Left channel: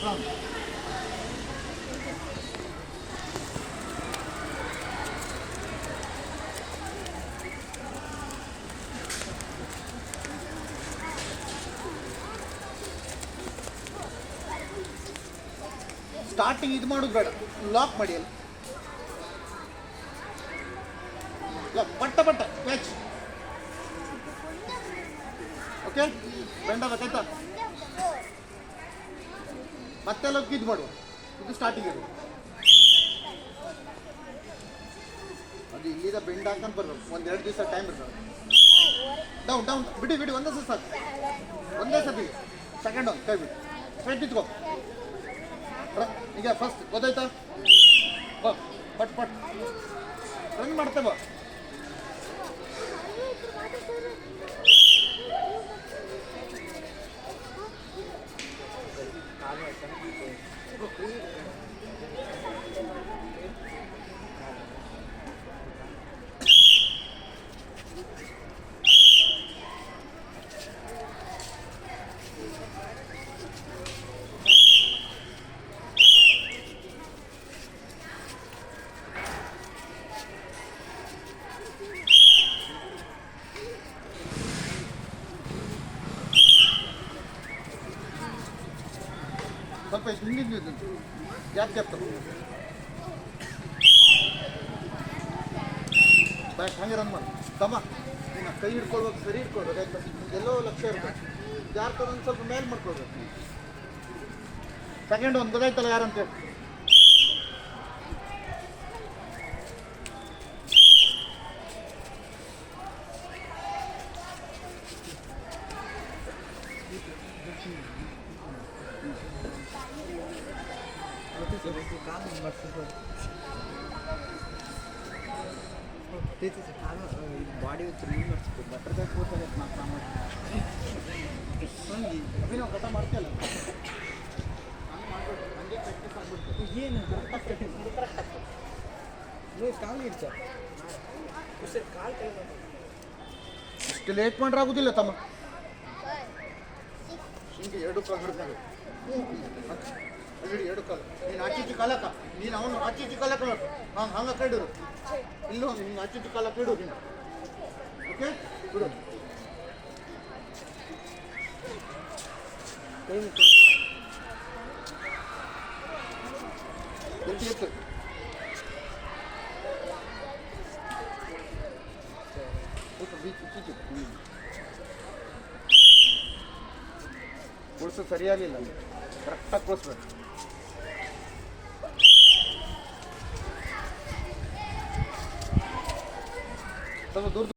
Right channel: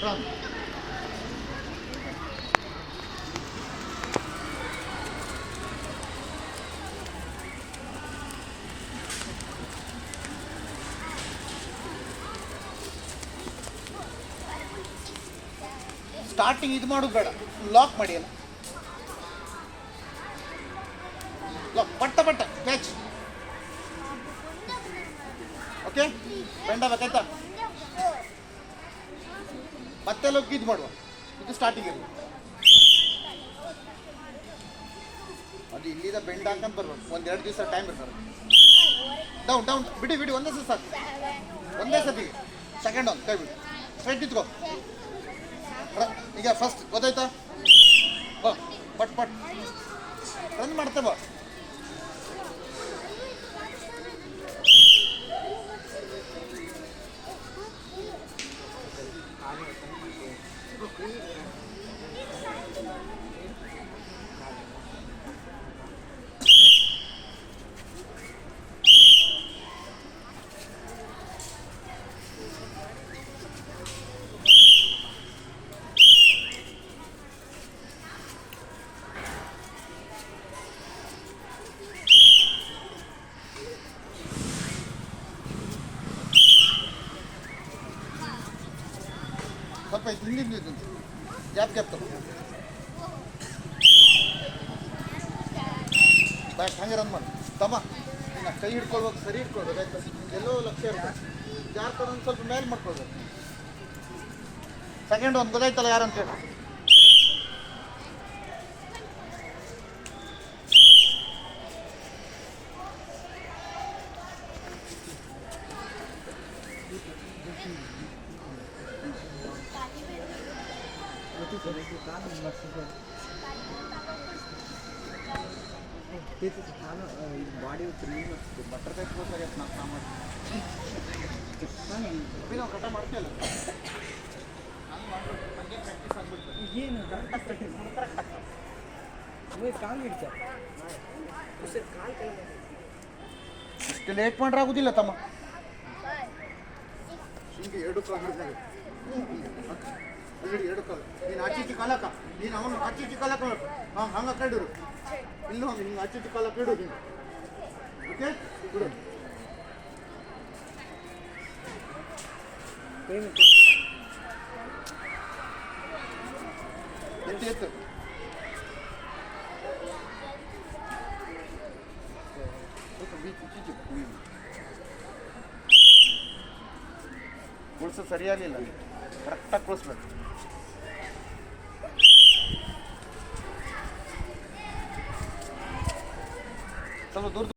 From starting ಇದು ಮಾಡೋದು ಬೇಡ, ಲಾಕ್ ಮಾಡಿ ಅಲ್ಲ, ಲಾಕ್ ಪಟ್ಟ ಪಟ್ಟ ಕ್ಯಾಚ್. ಓಕೆ, ಗಂಡ ಗೊತ್ತಾಯ್ತಾ? ಮತ್ತೆ ಲೋಕ್ ಇದು ಮಾಡುವ, ಇದು ಸ್ಟಾರ್ಟಿಂಗ್ ಇದು. ಅದು ಇಲ್ಲಿಂದ ಬೆಂಡ್ ಹಾಕಂತ ಬರ್ಬೇಕು, ಒಂದೆರಡು ದಿವಸ ಟೈಮ್ ಇರ್ತದೆ. ಡೌನ್ ಡೌನ್ ಬಿಡಿ ಬಿಡಿ, ಒಂದೇ ಸತಿ ಸಾಕು, ಒಂದೇ ಸತಿ. ಸೆಕೆಂಡ್ ಒನ್ ಕೈ ಬಿಡಿ, ಸ್ಟ್ರೈಟ್ ನಿಂತ್ಕೋ. ಈಗ ಫಸ್ಟ್ ಗೊತ್ತಾಯ್ತಾ? ಬಾ ಪಟ್ ಪಟ್ ಒಂದು ಮಾಡ್ತೇ ಬಾ. ಸ್ವಲ್ಪ ಹಿಂದಿನ ಗ್ಯಾಪ್ ಗ್ಯಾಪ್ ತಗೋ. ಬಾಯ್ ಹಂಗೆ ರನ್ ಮಾಡಿ ತಮ್ಮ. ನೀನು ಕೈ ಹಿಡ್ಕೊಳ್ಬೇಕು, ಸರಿ ಹಿಡ್ಕೊಳ್ಬೇಕು ಆಯ್ತಾ? ಎಲ್ಲೋ ಲಕ್ಷ್ಯ ಇರ್ಬೇಕು, ಜಾರ್ಕೊಂಡು ಒಂದು ಸ್ವಲ್ಪ ಮೇಲೆ ಮಾಡ್ಕೊಳ್ಬೇಕು. ಸೆಕೆಂಡ್ ಒಂದು ಗೊತ್ತಾಯ್ತಲ್ಲ ಯಾರಂತೇಳಿ. ಬಾಡಿ ಬಟರ್ಫ್ಲೈ ಕೋರ್ಸ್ ಘಟ ಮಾಡ್ತೀಯಲ್ಲ ಏನು ಕಾಲು ಹಿಡ್ಸ ಕಾಲು ಕೆಲ ಇಷ್ಟು ಲೇಟ್ ಮಾಡ್ರೆ ಆಗೋದಿಲ್ಲ ತಮ್ಮ. ಹಿಂಗೆ ಎರಡು ಕಾಲು ಹಿಡಿದಾಗ ಅಲ್ಲಿ ಎರಡು ಕಾಲು ನೀನು ಆಚೀಚಿ ಕಾಲಕ್ಕ, ನೀನು ಅವನು ಆಚೀಚಿ ಕಾಲಕ್ಕ ಬೇಕು. ಹಾಂ ಹಂಗೆ ಕೈಡೂರು, ಇಲ್ಲೂ ಹಿಂಗೆ ಆಚೀಚಿ ಕಾಲಕ್ಕ ಇಡು ನೀನು. ಓಕೆ ಬಿಡು. ಎತ್ತಿ ಎತ್ತು. ಕೊಡ್ಸು ಸರಿಯಾಗಿಲ್ಲ, ಕರೆಕ್ಟಾಗಿ ಕೊಡಿಸ್ಬೇಕು. ಸ್ವಲ್ಪ ದೂರ